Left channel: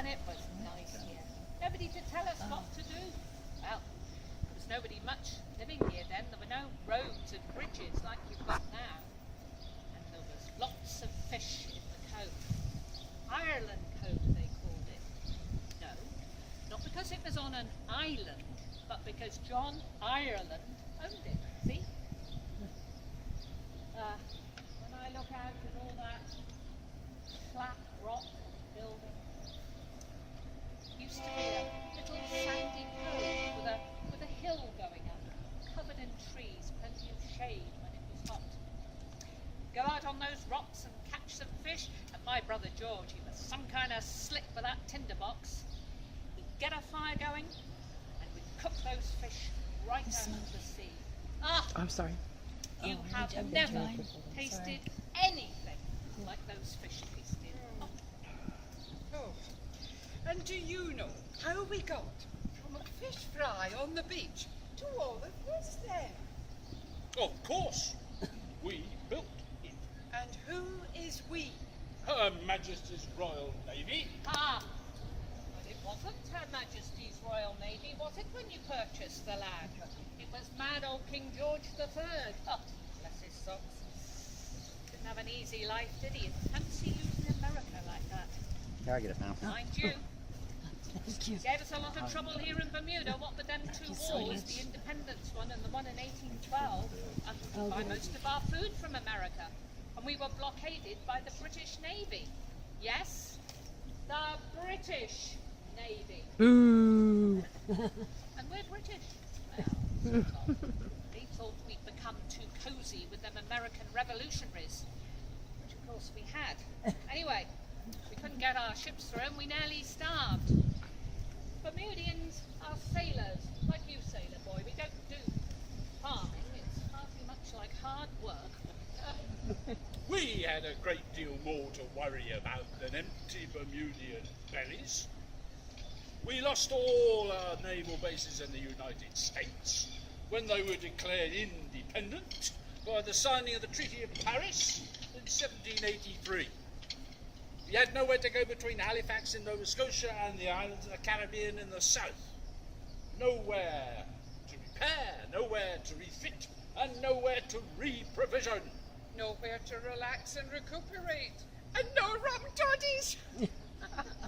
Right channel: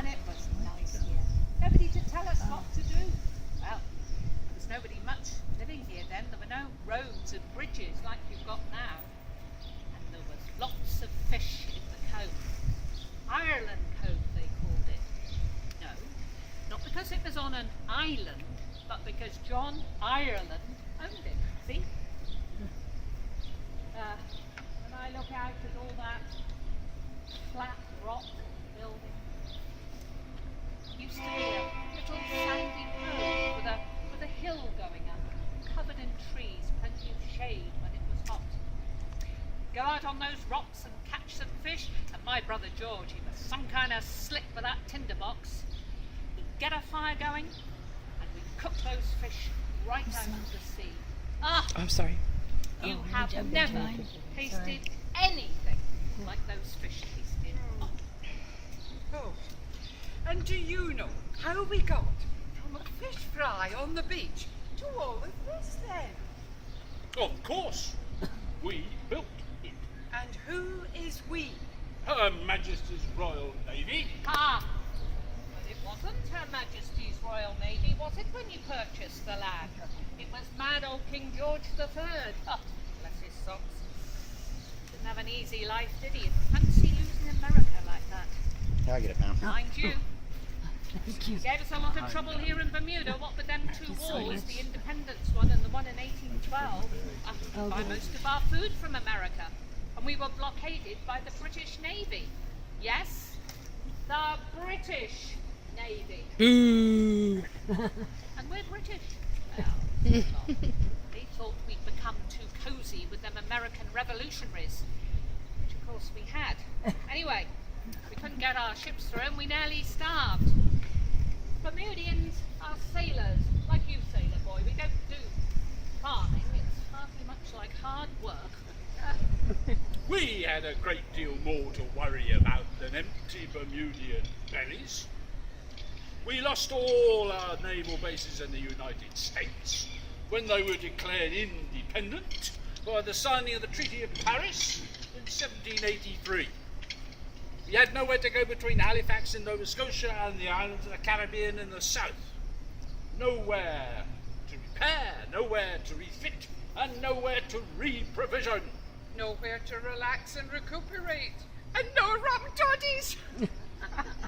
and it was nice here. Nobody to tell us what to do. Well, there was nobody much living here then. There were no roads and bridges like you've got now. And there was lots of fish in the cove. Ireland Cove, they called it. No, not because it was on an island, but because John Ireland owned it. See? When I look out at all that flat rock building, it used to be a little sandy cove with a hill going up, covered in trees, plenty of shade when it was hot. Go out on those rocks and catch some fish, and my brother George, he was some kind of slick with that tinderbox. He'd get a fire going, and we'd cook those fish right out of the sea. Ah! I'm sorry. You have never tasted anything like those fish tasted. Oh, and do you know how we got from a fish fry on the beach to all of this then? Of course, we built it. And who is we? Her Majesty's Royal Navy. Ah! But it wasn't Her Majesty's Royal Navy, was it, when you purchased the land? It was mad old King George III. Oh, bless his socks. Didn't have an easy life, did he? Fancy losing America like that. I'll get it now. Mind you. Thank you. Gave us a lot of trouble here in Bermuda, what with them two wars, the independence one and the one in 1812. We buy most of our food from America, and we were blockaded by the British Navy. Yes, the British Navy. Boo! And we're British. Well, they thought we'd become too cosy with them American revolutionaries, which of course we had. Anyway, we couldn't get our ships through and we nearly starved. Bermudians are sailors, like you, sailor boy. We don't do farming. It's hardly much like hard work. We had a great deal more to worry about than empty Bermudian bellies. We lost all our naval bases in the United States when they were declared independent by the signing of the Treaty of Paris in 1783. We had nowhere to go between Halifax in Nova Scotia and the islands of the Caribbean in the south. Nowhere to repair, nowhere to refit, and nowhere to re-provision. Nowhere to relax and recuperate. And no rum toddies.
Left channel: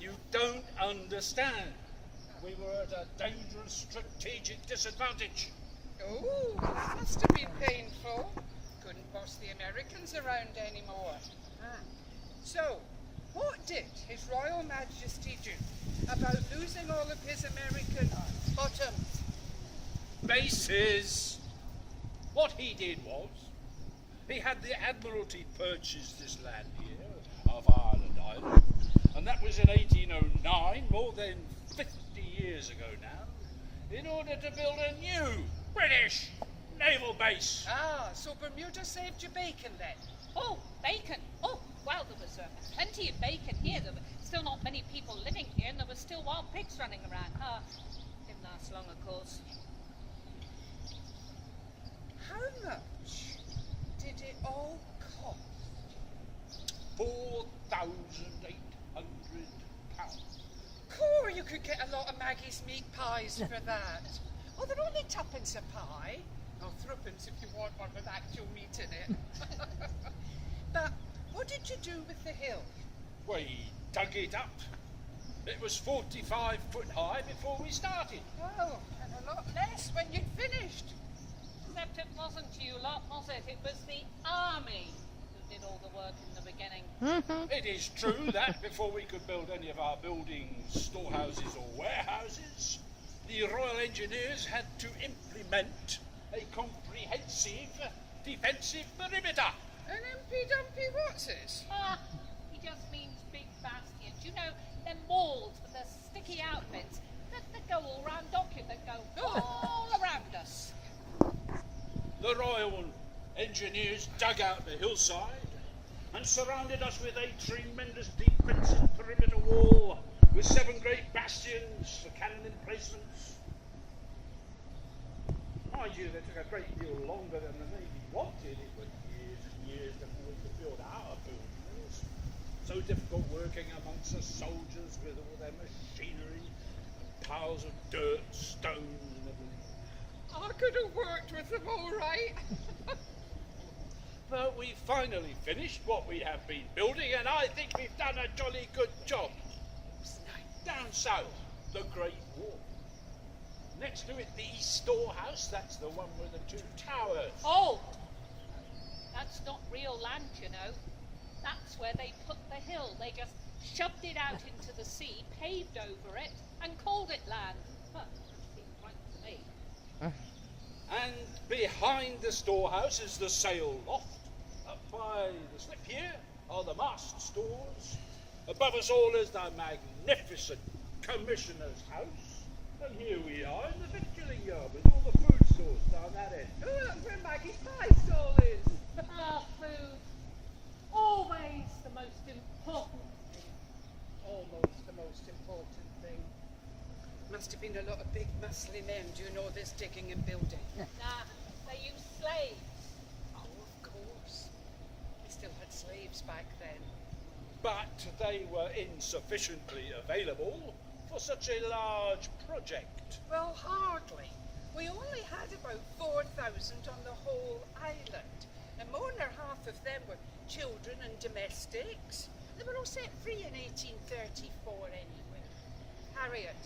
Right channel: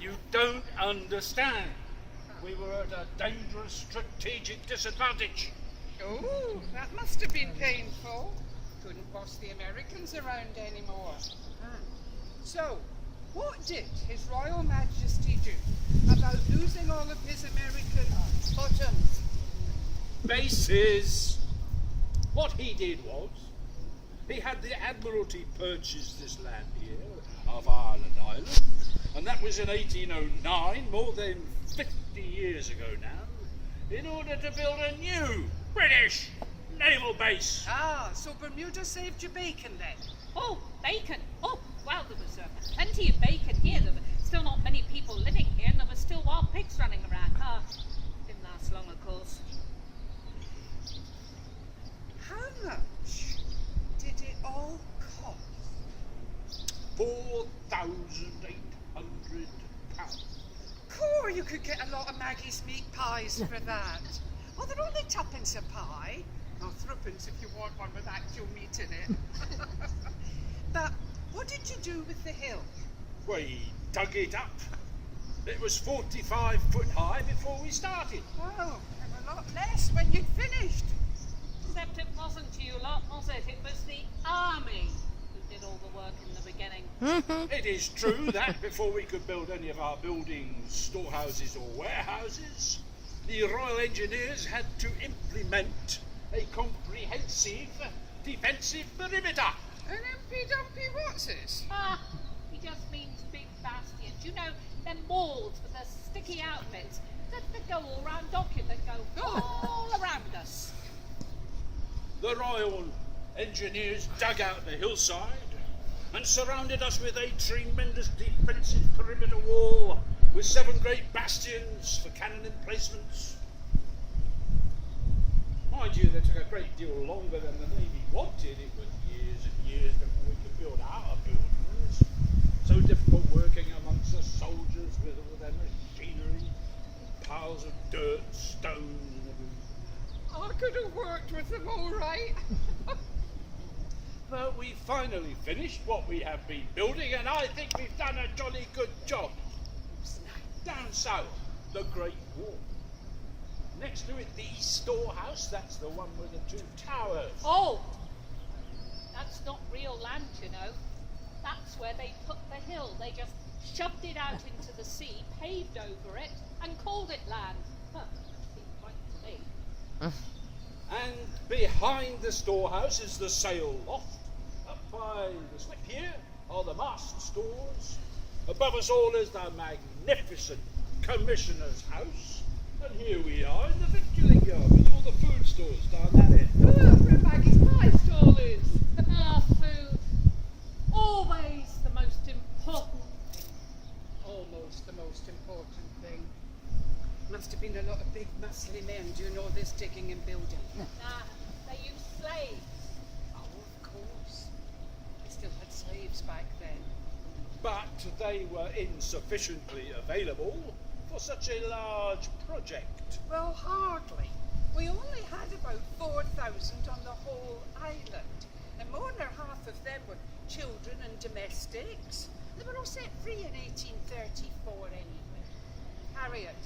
You don't understand. We were at a dangerous strategic disadvantage. Oh, that must have been painful. Couldn't boss the Americans around anymore. So, what did His Royal Majesty do about losing all of his American bottoms? Bases. What he did was, he had the Admiralty purchase this land here of Ireland Island, and that was in 1809, more than 50 years ago now, in order to build a new British naval base. Ah, so Bermuda saved you bacon then? Oh, bacon. Oh, well, there was plenty of bacon here. There were still not many people living here, and there were still wild pigs running around. Didn't last long, of course. How much did it all cost? £4,800. Cool, you could get a lot of Maggie's meat pies for that. Oh, they're only tuppence a pie. Or threepence if you want one with actual meat in it. But what did you do with the hill? We dug it up. It was 45 foot high before we started. Oh, and a lot less when you'd finished. Except it wasn't you lot, was it? It was the army who did all the work in the beginning. It is true that before we could build any of our buildings, storehouses or warehouses, the Royal Engineers had to implement a comprehensive defensive perimeter. An impy-dumpy what's this? He just means big bastions. You know, them walls with the sticky outfits that go all round Dockett, that go all around us. The Royal Engineers dug out the hillside and surrounded us with a tremendous defensive perimeter wall with 7 great bastions for cannon emplacements. Mind you, they took a great deal longer than the Navy wanted. It was years and years before we could build our buildings. So difficult working amongst the soldiers with all their could have worked with them all right. But we finally finished what we have been building, and I think we've done a jolly good job. Down south, the Great Wall. Next to it, the East Storehouse. That's the one with the two towers. Oh! That's not real land, you know. That's where they put the hill. They just shoved it out into the sea, paved over it, and called it land. Huh, that seems right to me. And behind the storehouse is the sail loft. Up by the slip here are the mast stores. Above us all is the magnificent Commissioner's house. And here we are in the victualling yard with all the food stores down that end. Oh, that's where Maggie's pie stall is. Ah, food. Always the most important thing. Almost the most important thing. Must have been a lot of big muscly men doing all this digging and building. Nah, they used slaves. Oh, of course. We still had slaves back then. But they were insufficiently available for such a large project. Well, hardly. We only had about 4,000 on the whole island, and more than half of them were children and domestics. They were all set free in 1834 anyway. Harriet,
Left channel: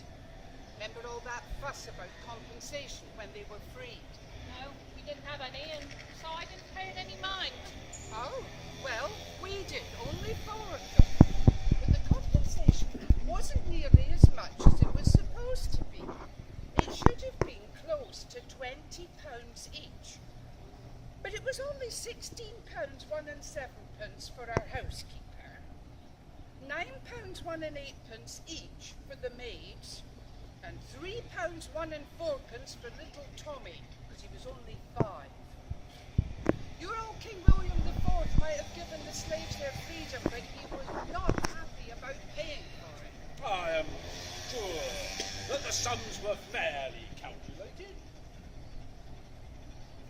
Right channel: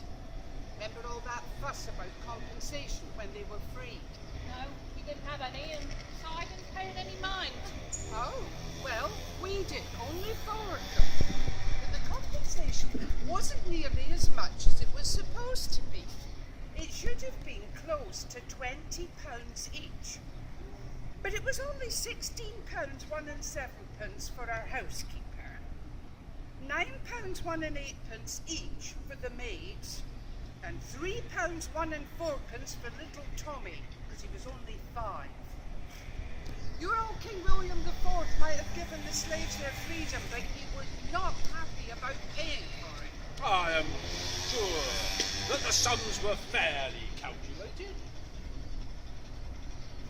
remember all that fuss about compensation when they were freed? No, we didn't have any, and so I didn't pay it any mind. Oh, well, we did, only 4 of them. But the compensation wasn't nearly as much as it was supposed to be. It should have been close to £20 each. But it was only £16 1 and 7 pence for our housekeeper, £9 1 and 8 pence each for the maids, and £3 1 and 4 pence for little Tommy, because he was only 5. Your old King William IV might have given the slaves their freedom, but he was not happy about paying for it. I am sure that the sums were fairly calculated.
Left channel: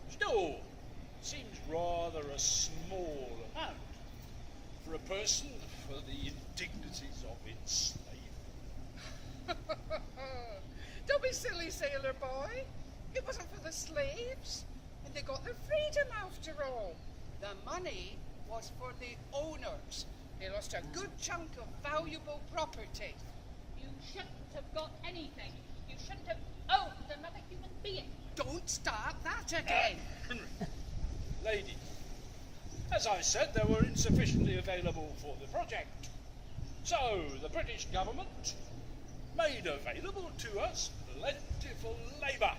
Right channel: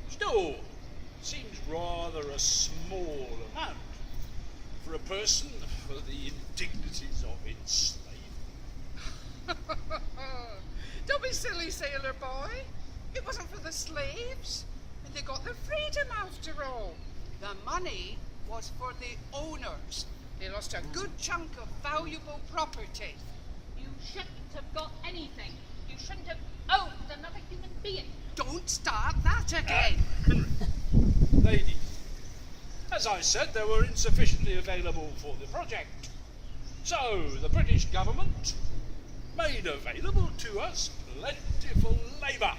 Still, seems rather a small amount for a person for the indignities of enslavement. Don't be silly, sailor boy. It wasn't for the slaves, and they got their freedom after all. The money was for the owners. They lost a good chunk of valuable property. You shouldn't have got anything. You shouldn't have owned another human being. Don't start that again. Ladies, as I said, they were insufficiently available for the project. So the British government made available to us plentiful labour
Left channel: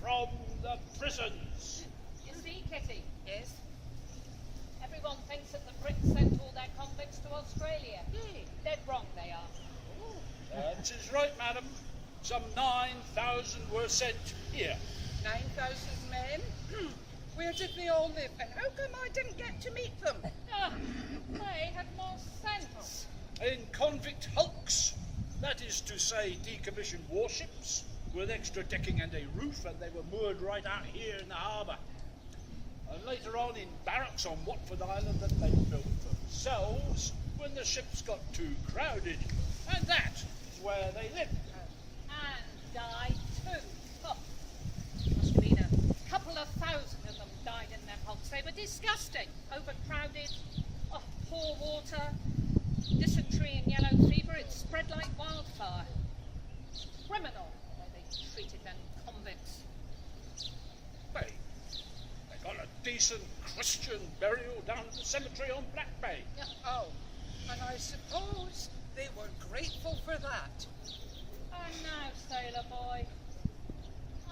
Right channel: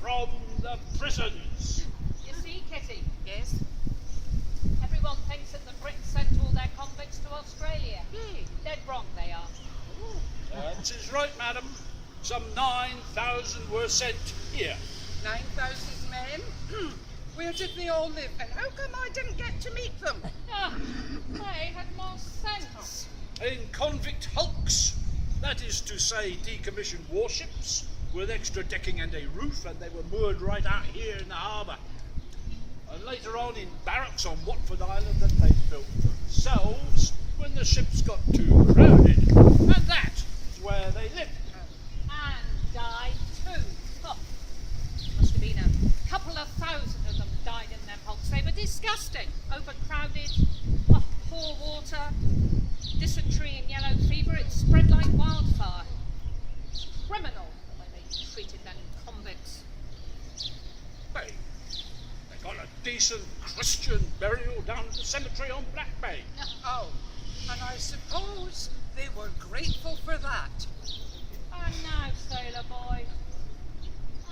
from the prisons. You see, Kitty, Yes? everyone thinks that the Brits sent all their convicts to Australia. Yay. Dead wrong they are. That is right, madam. Some 9,000 were sent here. 9,000 men? Where did they all live, and how come I didn't get to meet them? Ah, they had more sense. In convict hulks, that is to say decommissioned warships with extra decking and a roof, and they were moored right out here in the harbour. And later on in barracks on Watford Island that they built themselves when the ships got too crowded. And that is where they lived. And died too. Oh, must have been a couple of thousand of them died in them hulks. They were disgusting. Overcrowded, oh, poor water, dysentery and yellow fever. It spread like wildfire. It's criminal the way they treated them convicts. They got a decent Christian burial down at the cemetery on Black Bay. Oh, and I suppose they were grateful for that. And now, sailor boy,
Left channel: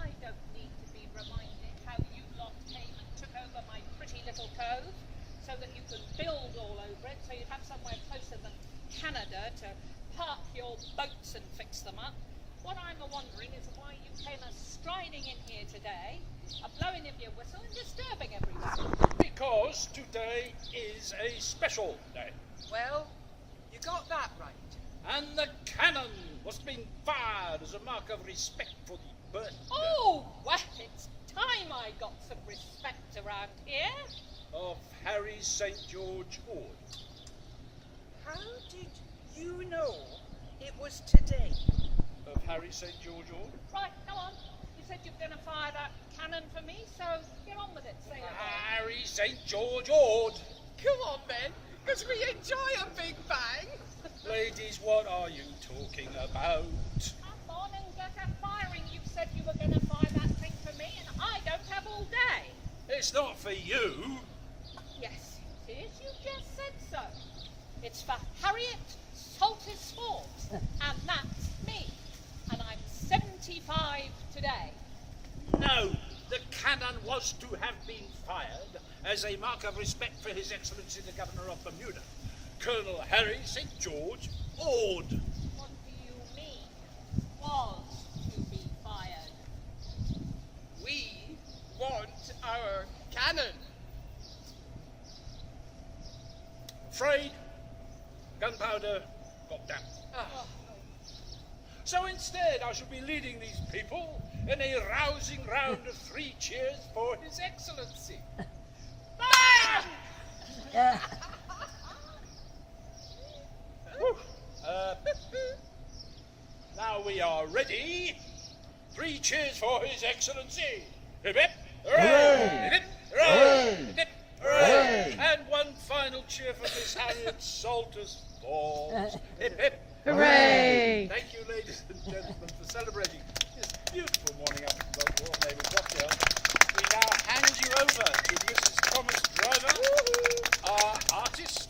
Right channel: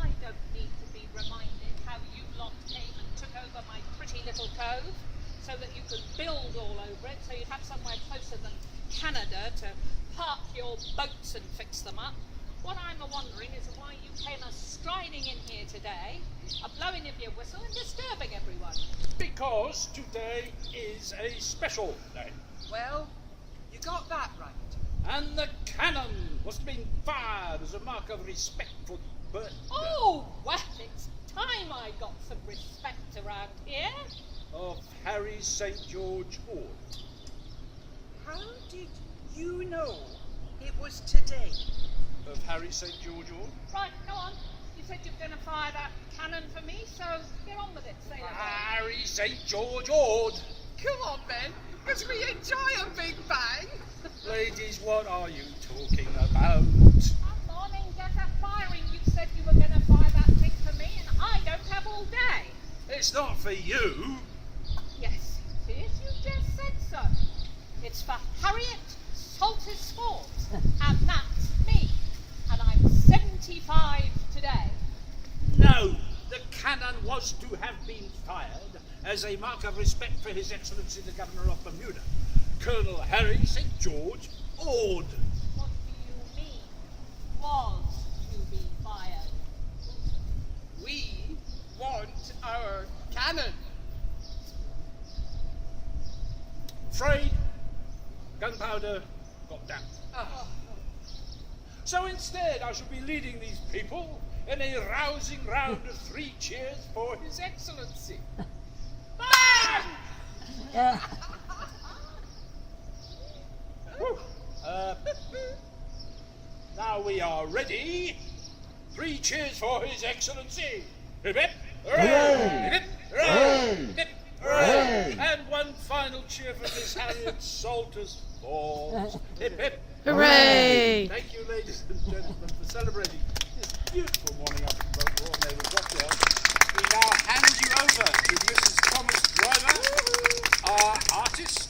I don't need to be reminded how you lot came and took over my pretty little cove so that you could build all over it so you'd have somewhere closer than Canada to park your boats and fix them up. What I'm a-wondering is why you came a-striding in here today, a-blowing of your whistle and disturbing everyone. Because today is a special day. Well, you got that right. And the cannon was being fired as a mark of respect for the birthday Oh, well, it's time I got some respect around here. of Harry St. George Ord. How did you know it was today? Of Harry St. George Ord? Right, go on. You said you were going to fire that cannon for me, so get on with it, sailor boy. Harry St. George Ord. Come on, men, because we enjoy a big bang. Ladies, what are you talking about? Come on and get a firing. You said you were going to fire that thing for me, and I don't have all day. It's not for you. Yes, it is. You just said so. It's for Harriet Salters Forbes, and that's me. And I'm 75 today. No, the cannon was to have been fired as a mark of respect for His Excellency the Governor of Bermuda, Colonel Harry St. George Ord. What do you mean, was to be fired? We want our cannon. Afraid gunpowder got damp. Ah, So instead, I shall be leading these people in a rousing round of 3 cheers for His Excellency. Bang! Whew. Now we are ready. 3 cheers for His Excellency. Hip hip, hooray! Hip hip, hooray! Hip hip, hooray! And one final cheer for Miss Harriet Salters Forbes. Hip hip, Hooray! Thank you, ladies and gentlemen, for celebrating this beautiful morning up at the Royal Naval Cocktail. We now hand you over to Mrs. Thomas Driver, our artist,